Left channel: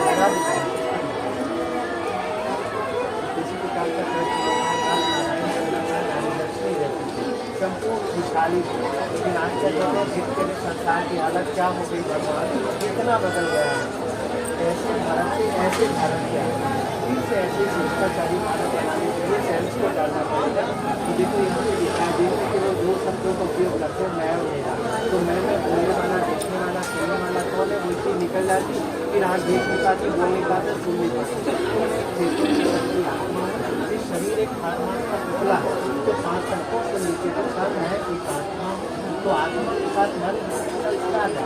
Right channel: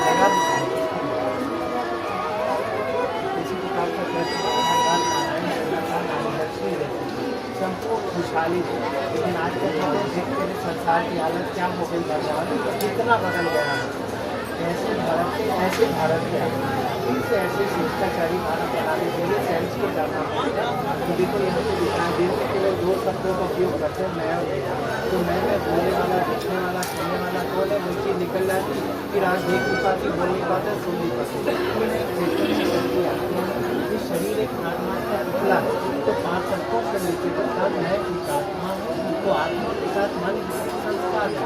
लगा भी किसी प्रकार का संपूर्ण खुशहाली थी। लेकिन आज क्या कहते हैं, फिर के संसार की हालत क्या हो गई, भगवान कितना बदल गया है। ऐसे भारत के फिर से ऐसे शिष्टाचारी भारत बनाने के लिए साइंस को जानना पड़ेगा। तो देखो यहाँ पे दिखाई दिन में केवल 2 शब्दों का उपयोग करते हैं, मैं और मेरा। तो मैं में बोलने वाला, देखने वाला, सुनने वाला कौन है, वो चीज़ निकल जाती, फिर आँख देख नहीं पाती, बोल नहीं पाते, सुन नहीं पाते। तो मैं एक चेतन आत्मा है, इस शरीर एक आत्मा का पुतला है। तो 5 अंकों से नीचे तो सब है एक आत्मा है। तो आत्मा के साथ मन संस्कार है।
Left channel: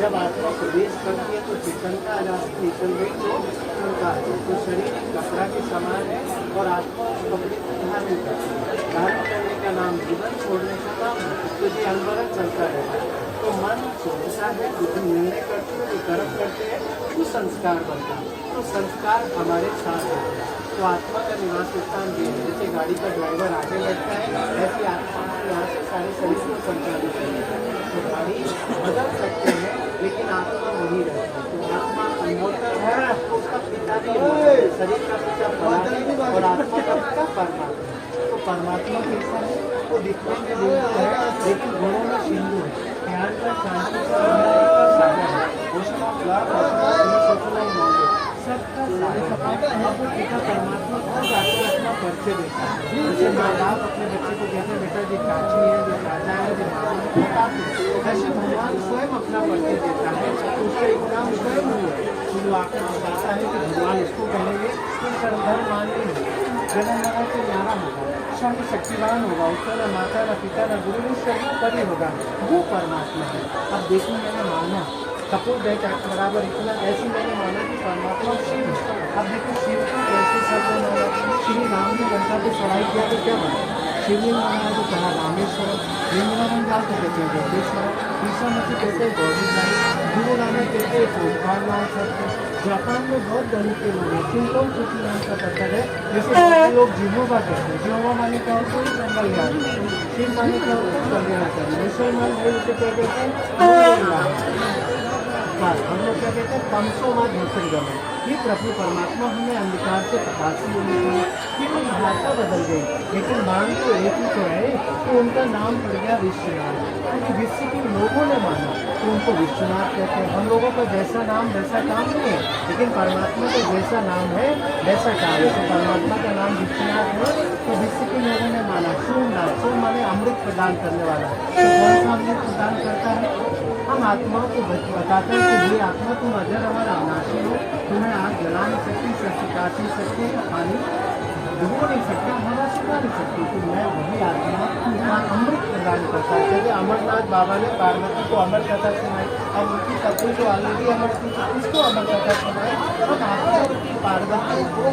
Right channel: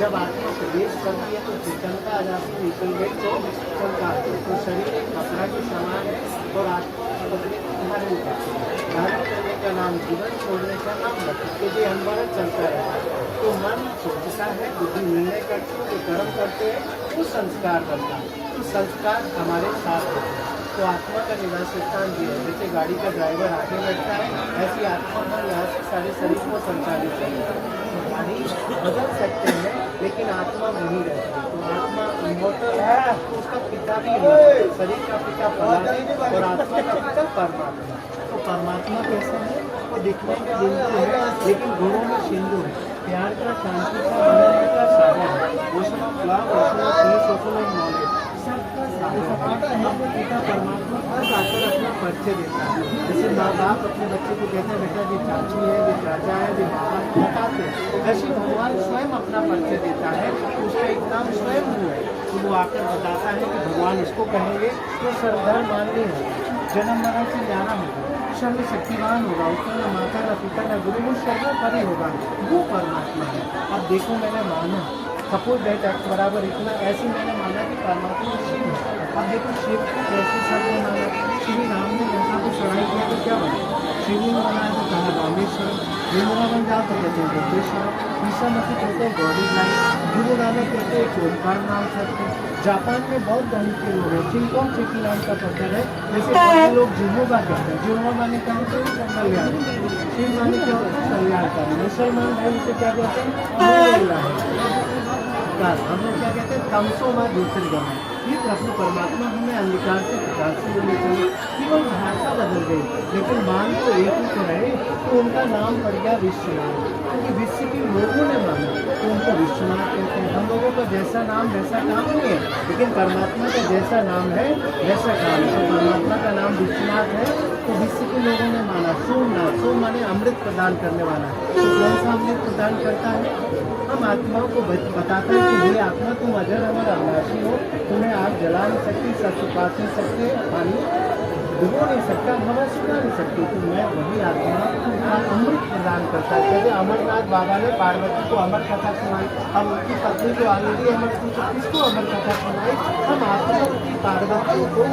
जब आत्मा प्रवेश करती है तो चेतनता आ जाती है, निकल गई तो संस्कार है। तो शरीर एक कपड़ा के समान है और आत्मा उस कपड़े को धारण करती है। धारण करने का नाम जीवन, छोड़ने का नाम मृत्यु। क्योंकि अनवरत चलता रहता है। तो मन सोचता है, बुद्धि निर्णय करती है, जो कर्म करते हैं वो संस्कार बनता है। तो संस्कार हमारे साथ होते हैं। तो आत्मा का निवास स्थान भी है। जैसे गाड़ी का ड्राइवर आगे बैठता है, ऐसी आत्मा यहाँ से सारे शरीर को संचालित करते हैं। शरीर बदल सकते हैं लेकिन आत्मा वही रहती है। तो आत्मा इमोर्टल है, उसका पिता भी इमोर्टल, शरीर का पिता परमात्मा और आत्मा का पिता परमात्मा। तो परमात्मा कैसे है, वो दिखने में बिंदु है लेकिन गुणों में सिंधु है। प्यार का, शांति का, बनाने का सागर है। घोषणा, लाभ, रचना, सोचना ही होंगे सबका सागर है। जो पिता परमात्मा खुद आकर अपना परिचय देता है। जैसे माँ बाप अपने बच्चे को कहते हैं, बेटा जी चाची है, जो चाचा है, जो मामा है, बताते हैं। ऐसे भगवान स्वयं अपना परिचय देता है। उसका एक नाम स्वयं हुआ है। तो वो आकर बताता है कि भगवान इसको कहेंगे तो श्रद्धा माननी होगी, जन्म मरण से जाना होगा, सर्व शक्तिवान होगा, उसका न माता न पिता न गुरु, वो सर्वोपरि होगा, वो परमात्मा है। अब देखो मैंने माना सपोज दैट बराबर इतना, ऐसे मैंने माना कि परमात्मा शिव है। अब देखो शिव को कैसे शब्द माना, श्री राम ने गंगा को चढ़ाई किया तो क्या बना, शिवलिंग बनाया तो कहा रामेश्वर, वृंदावन जाओ तो कहते हैं जगदीश्वर, ईश्वर मसीह कहते हैं God is life, Guru Nanak कहते हैं ओंकार नाम सत्य। जापान में बहुत धनी के लोग हैं, चिंतन चुकी नाम का पत्थर है। जैसे बहुत लोग जीवोगा कहते हैं, जीवोगा माने क्या होता है, कल्याण। शिव माने क्या होता है, कल्याणकारी। मुसलमान भाई उसे क्या कहते हैं, हम लोग क्या कहते हैं, तमसो में ज्योतिर्गमन। ये प्रभु परमात्मा हमें अंधकार से प्रकाश में ले गई। केवल भाषा बदल गई लेकिन मान तो एक ही तो रहे। तो उनका नाम पड़ गया विश्वनाथ, क्योंकि विश्व के लोगों ने माना तो उनको विश्वनाथ कहते हैं। हम लोगों का जैसा नाम वैसा काम नहीं है, लेकिन परमात्मा का जैसा नाम है वैसा काम है। तो परमात्मा का नाम विश्वनाथ है तो विश्व के लोगों ने माना सोमनाथ। सोम माने अमृत प्रदान करने वाला। तो कौन सा अमृत प्रदान करता है, हम आत्माओं को बताते हैं कि ये आत्मा तुम अजर अमर अविनाशी हो, तुम्हें आग जला नहीं सकती, सुखा नहीं सकते, पानी डुबो नहीं सकता, हवा सुखा नहीं सकती। तो मैं वही आत्मा अमृत प्रदान करता है। जैसे अमरनाथ बाबा ने पार्वती को अमर कथा सुनाई, अब उनकी पत्नी को आगे अमर की, तो किसको अमर कथा सुनाई, हम आत्मा की पार्वती को,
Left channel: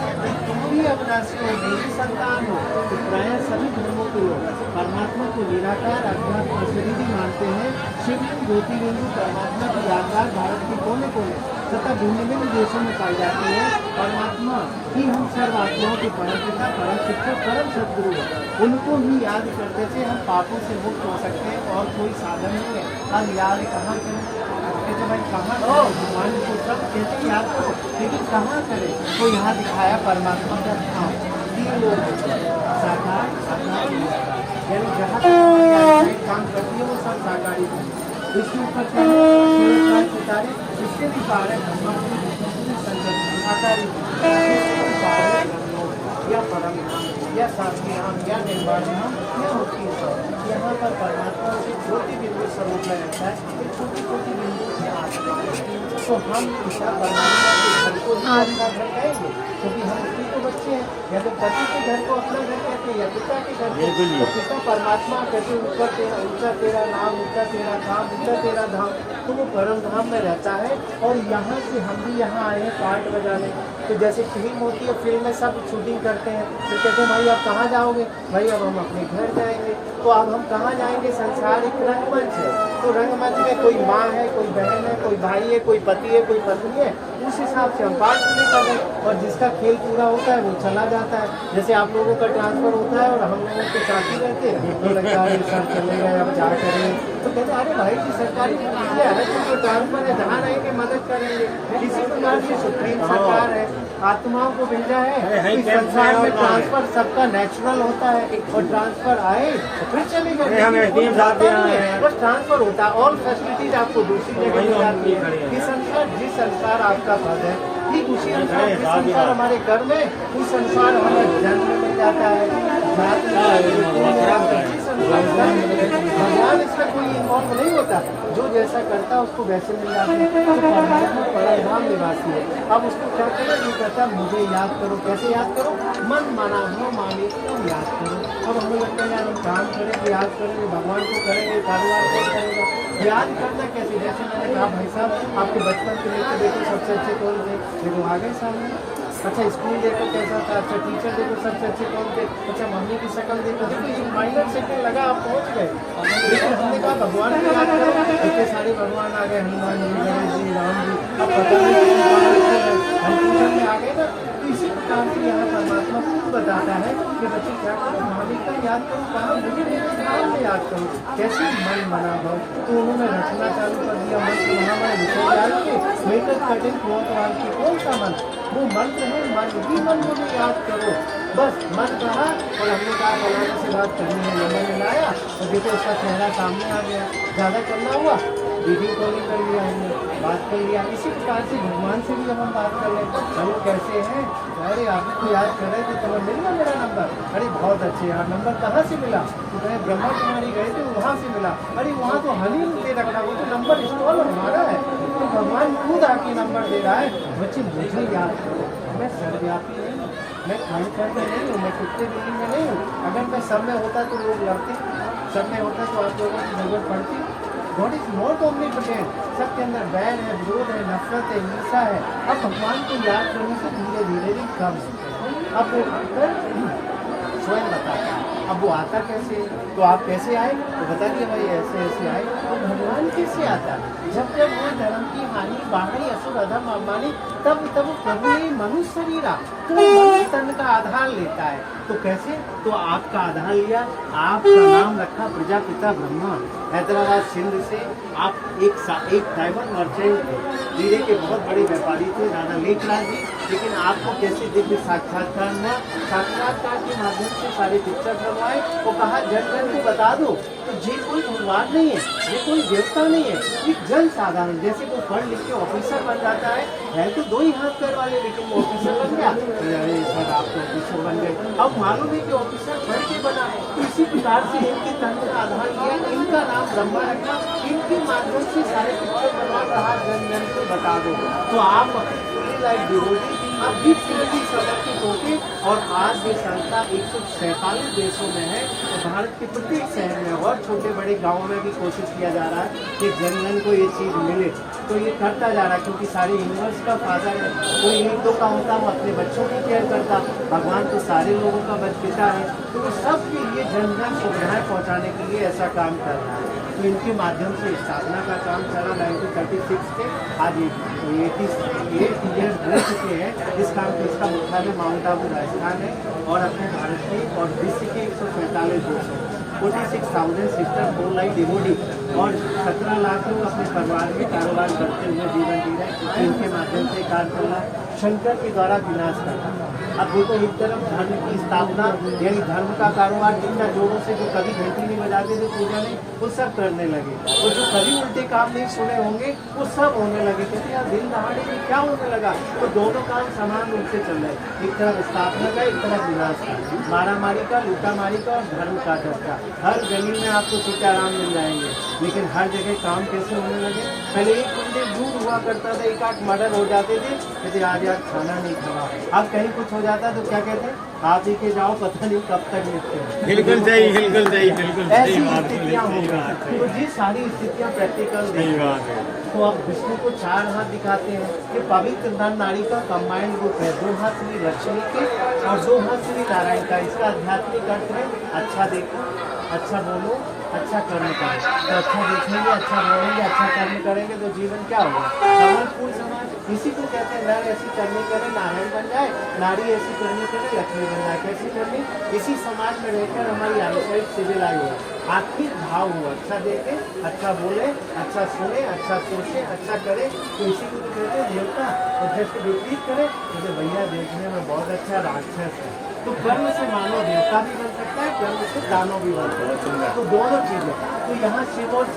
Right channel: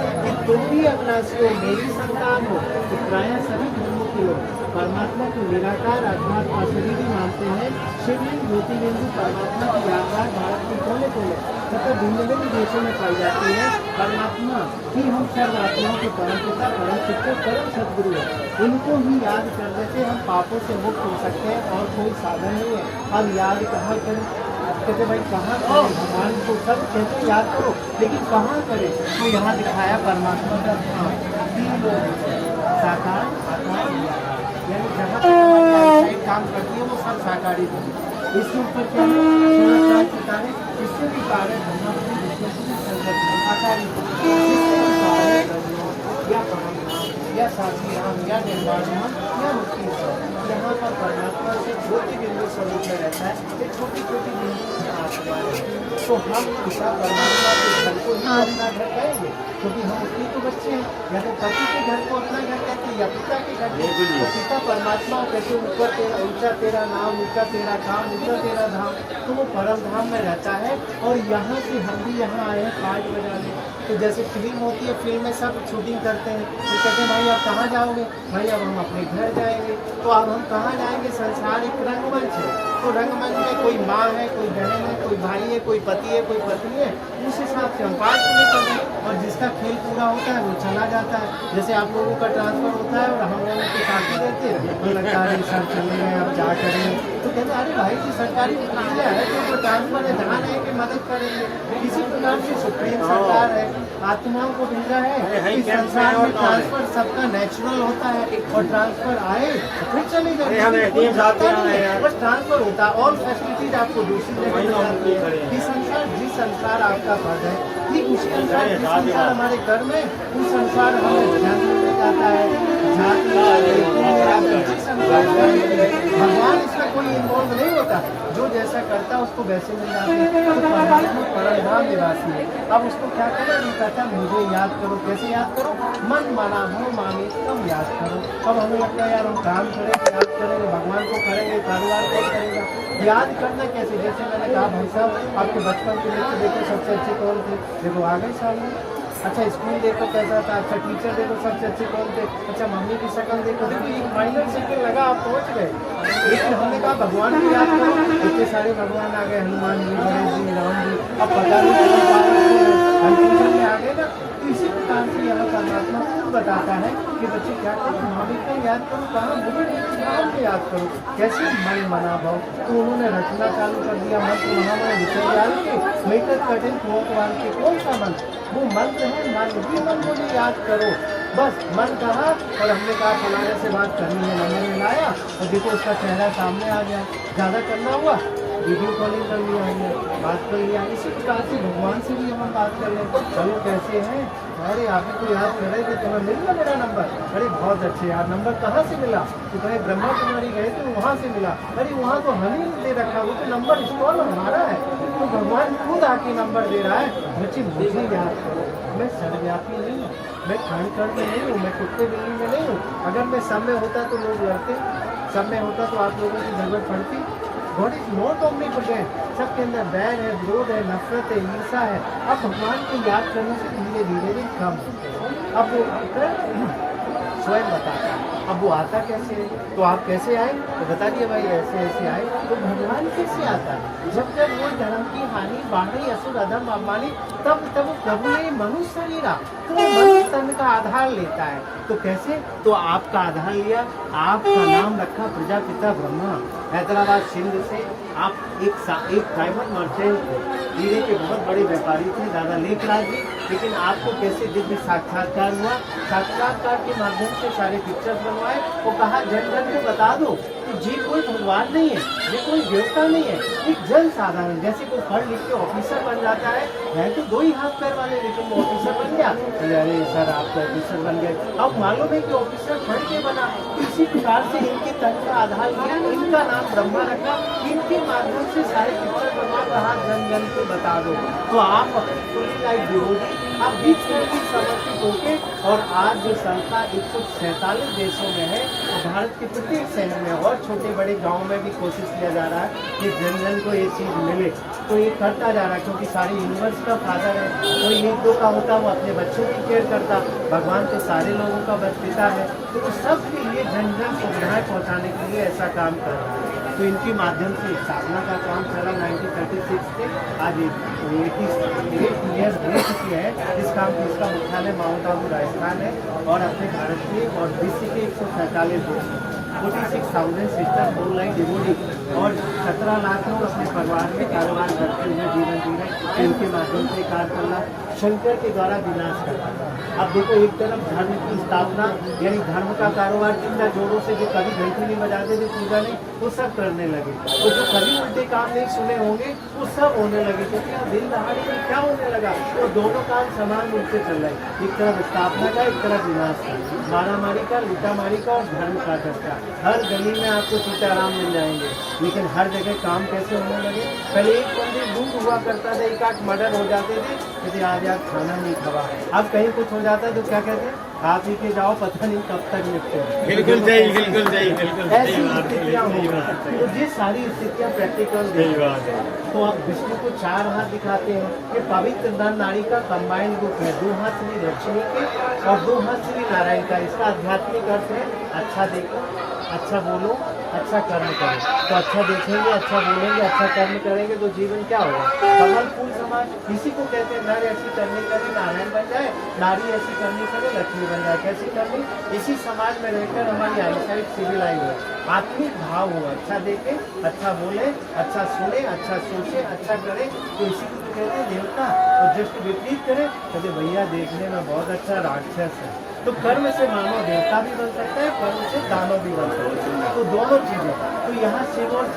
तुम भी अविनाशी हो, मेरी संतान हो। तो प्राय सभी धर्मों के लोग परमात्मा को निराकार अध्यात्म अशरीरी मानते हैं। शिवलिंग ज्योतिर्लिंग परमात्मा की यादगार भारत के कोने कोने तथा भिन्न भिन्न देशों में पाई जाती है। परमात्मा ही हम सर्व आत्माओं के परम पिता, परम शिक्षक, परम सदगुरु है। उनको ही याद करने से हम पापों से मुक्त हो सकते हैं और कोई साधन नहीं है। हम याद कहाँ करें, कहते भाई कहाँ करें, भगवान को सब कहते याद करो लेकिन कहाँ करें। तो यहाँ दिखाया परमात्मा का धाम 3 लोग साकार, जहाँ काम करती है वो सब साकारी बने। इसके ऊपर क्या है, सितारे इससे भी पारे ब्रह्मापुरी विष्णुपुरी संगत आकारी या परम नाम या शास्त्री नाम या निर्वाण नाम या मुक्ति नाम। यहाँ पर परमात्मा से छोटी बिंदु स्वरूप में रहता है, ये छोटी छोटी बिंदु में आत्मा है। तो हम पिता परमात्मा के घर को अपना घर कहेंगे क्योंकि हम उसी को बच्चे हैं। यदि पति के घर को अपना घर कहते हैं या पिता के घर को, तो पिता परमात्मा कहते ऊपर तेरा, ऊंचा तेरा नाम, ऊंचा तेरा काम, ऊंचा तेरा धाम। तो वो परम धाम में रहता है। और यहाँ से हम भी यहाँ आए हैं कार्ड बजाने। तो जैसे फिल्म होती है, फिल्म में सब शूटिंग करते हैं, तो कहते हैं भाई अब कहाँ जाओगे, भाई अब हम अपने घर जाएंगे। तो अब हम कहाँ जाएंगे, संसार एक रंगमंच है। तो रंगमंच में कोई माँ है, कोई बहन है, कोई भाई है, कोई पति है, कोई पत्नी है, उस हिसाब से हम पास नहीं कर रहे, और जिसका खेल पूरा होता है वो चला जाता है। जैसे आप लोगों का ट्रांसफर होता है और हम लोगों के साथ ही रहते हैं, तो लगता है सर चले गए अब क्या करें, तो कहते हैं अरे भाई जी सरकारी प्रक्रिया है, तो ट्रांसफर है, जहाँ रहेंगे मदद करेंगे। इसी प्रकार से सुप्रीम सरकार है, आत्माओं को भेजा है इस संसार में, ट्रांसफर सबका नेचुरल होता है, और ट्रांसफर आए तो फिर चले जाए, बस ट्रांसफर होता है। ऑल फैसिलिटीज आपको दूसरी जगह मिल जाती है। ये संसार जिस संसार आपका पद है, ठीक उसी अनुसार जिस संसार हमारे घर में, उस संसार हमें जन्म में जाता है, जाति भगवान इसमें कोई इन्वॉल्व नहीं होता, जो जैसा करता है उसको वैसे मिल जाती है। तो परमात्मा परमधाम निवासी है। अब उसको क्या करें, वो कहता है मुझे याद करो। कैसे याद करो? मन माना भर माने तुम याद करो। अब हमें लगता है यार हम काम करेंगे, याद करेंगे, भगवान को करेंगे, कारोबार को करेंगे, याद करना कैसे? जैसे मैंने कहा भाई साहब आपके बचपन के लिए देखो सबसे अच्छे कौन थे, देखो आ गए सामने। अच्छा स्कूल देखो कैसा था, अच्छा टीचर देखो सबसे अच्छे कौन थे, अच्छा मम्मी की शक्ल देखो, देखिए एक माइनर सेकंड लगा आप पहुंच गए। लेकिन हमने कहा भगवान को याद करो, इतने सारे भगवान आ गए, हनुमान जी, गणेश जी, राम जी, अब पता नहीं कौन कन्फ्यूजन में आ गए ना। तो इसी प्रकार से यहाँ परमात्मा खुद बताता है कि बच्चे क्या करो, महावीर को याद करो, कहाँ बुरी नाम में याद करो, कैसे मन मना भाव। तो उन्होंने रचना चालू कर दिया, मंत्र महामय विषय के मेकर कठिन कुआं के कौन सा मंत्र, वो मंत्र है मन ही मन मुझे याद करो। बस मन कहा और हमने कहा फलाने से बात करनी है, नंबर में लाया और देखो उसका चेहरा सामने आ गया। ज़्यादा करना हुआ वीडियो कॉलिंग कर लिया, हमने बात कर लिया। इसी प्रकार से भगवान से भी हम बात कर लें, चलो कैसे हैं, अरे आप ही को याद कर रहे थे, तुम्हें मिल गया मेरा नंबर, अरे बहुत अच्छे यार, नंबर कहाँ से मिला? तो कहे ब्रह्मा कुमारी गए थे वहाँ से मिला, अरे वहाँ तो हनी दे रखा, वो तो नंबर इंस्टॉल हमारा है। तो भगवान खुद आके नंबर दे रहा है, बच्चे मुझे याद करो, मैं सर्वव्यापी नहीं हूँ, मैं खंड में नहीं हूँ, मैं कुत्ते बिल्ली में नहीं हूँ। अगर मैं सब में होता तो लोग लड़ते, सब में होता तो आप लोगों की जरूरत पड़ती। गॉड इज नॉट ओमनीपोटेंट, सबके अंदर बैर है, विरोध है, नफरत है, हिंसा है। अब भगवान को याद करने से धीरे धीरे भी कम होते हैं। अब वो आकर स्वयं बताता है। अब वो आता कैसे, तो आप कैसे आए, तो बता दिए भाई ऐसे ऐसे आए। तो भगवान कैसे आता है? जब जब वो धर्म की हानि बाहरी असुर अधम अमानी, तब तब प्रभु ने मनुष्य शरीर तो मनुष्य तन का आधार लेता है। तो कैसे? तो आपका आधार लिया, आपका नाम रखा प्रजापिता ब्रह्मा। हैदराबाद सिंध से आप एक डायमंड मर्चेंट थे, हीरे के बहुत बड़े व्यापारी थे दादा लेखनाथ जी। लेकिन आपको कैसे दिव्य साक्षात्कार हुआ? साक्षात्कार के माध्यम से सारे पिक्चर बनवाए, वो कहा जन जन को बता दो कि ये कोई भगवान नहीं है, ये कोई देवता नहीं है, एक जन साधारण जैसे कोई पढ़ लिख के ऑफिसर बन जाता है तो 2 ही हाथ पैर वाले, लेकिन वो ऑफिसर बन गया। अरे सर आप तो ऑफिसर बन गए, अब मालूम है कि ऑफिसर पढ़ के बना। इसी प्रकार से इनके तंत्र का आधार लिया, इनका नाम ब्रह्मा रखा, इनके माध्यम से सारे पिक्चर बनवा, कहा जन जन को बता दो। तो आप लाइक डिवोटी आप बीच में भी समर्पित होके, और आज ये संस्था 147 देशों में है, और भारत के प्रत्येक शहर में और छोटे बड़े गाँव में भी कोशिश किया जा रहा है कि जन जन को ये चीज़ मिले। तो ये करता जा रहा है, क्योंकि सारे यूनिवर्स का फादर है, कोई 1-2 का होता वो अपने बच्चों की केयर करता, भगवान के सारे लोगों का पिता है, तो वो सबके लिए जन जन सुविधाएँ पहुँचाने के लिए ऐसा काम कर रहा है। तो इनके माध्यम से स्थापना का काम चला 1936 से आज 88 ईयर्स हो चुके हैं इस काम के। इसका मुख्यालय माउंट आबू राजस्थान है, और अपने भारत के और विश्व के 147 देश हैं, 46,000 सिस्टर 4 लाख डिवोटी, और 17 लाख लोग अपने परिवार में कारोबार करते हुए जीवन जी रहे हैं। इनके माध्यम से कार्य करना, शंकर के द्वारा विनाश करना। अब देखो एक तरफ धर्म की स्थापना, यानी धर्म का कारोबार कितना जोरों से, जो कभी घंटी नहीं बजाते थे पूजा में, वो सब करने लगे, और जो कभी उल्टे काम नहीं सुने होंगे वो सब होने लगे। क्योंकि यार दिन दहाड़े में क्या होने लगा, तो दोनों काम समान रूप से चल रहे, एक तरफ स्थापना का, एक तरफ विनाश का, मारामारी का, लूटामारी का, और धर्म का चर्चा। हर गली में आपको छूटे आराम मिल जाएंगे, लेकिन हर जगह काम कैसे होने लगे? पहले एक बंदे दूर हुआ करता था, 1-8 मर्डर हो जाते थे, जैसे आज यार खाना नहीं खवा। अब कहीं कुछ हो जाता है तो क्या कहते हैं, खा पी के जाओ, पता नहीं कब तक निपटे। बिल्कुल सही, बिल्कुल सही, बिल्कुल ऐसी स्थितियाँ हो गई। तो ये सारी स्थितियाँ प्रैक्टिकल है। तो अब विष्णु को 4 हाथ दिखाते हैं, ये पवित्र नर नारी का कंबाइंड रूप है। 2 हाथ श्री लक्ष्मी के और 2 हाथ श्री नारायण का। इसका आध्यात्मिक अर्थ है अच्छा देखो, अच्छा बोलो, अच्छा कर्म करो। तो अच्छा देखेंगे, अच्छा बोलेंगे, अच्छा कर्म करेंगे तो जीवन क्या होगा? कमल फूल समाज। इसी को कहते हैं नर ऐसी करनी करे नारायण बन जाए, नारी ऐसी करनी करे लक्ष्मी बन जाए। कैसी करनी? इसी समाज में रहकर हमारी आईसाइट सिविलाइज हो, आत्मिक भाव हो, अच्छा देखे, अच्छा बोले, अच्छा सुने, अच्छा सोचे, अच्छा करे। तो इसी को तो कहते हैं देवता। और जिसके विपरीत करे कहते भैया देखने में बहुत अच्छा राक्षस है। तो कर्म से मानव देवता भी बन सकता है, कर्म से दानव भी बन सकता है। तो दोनों चीजें। तो यहाँ शिव और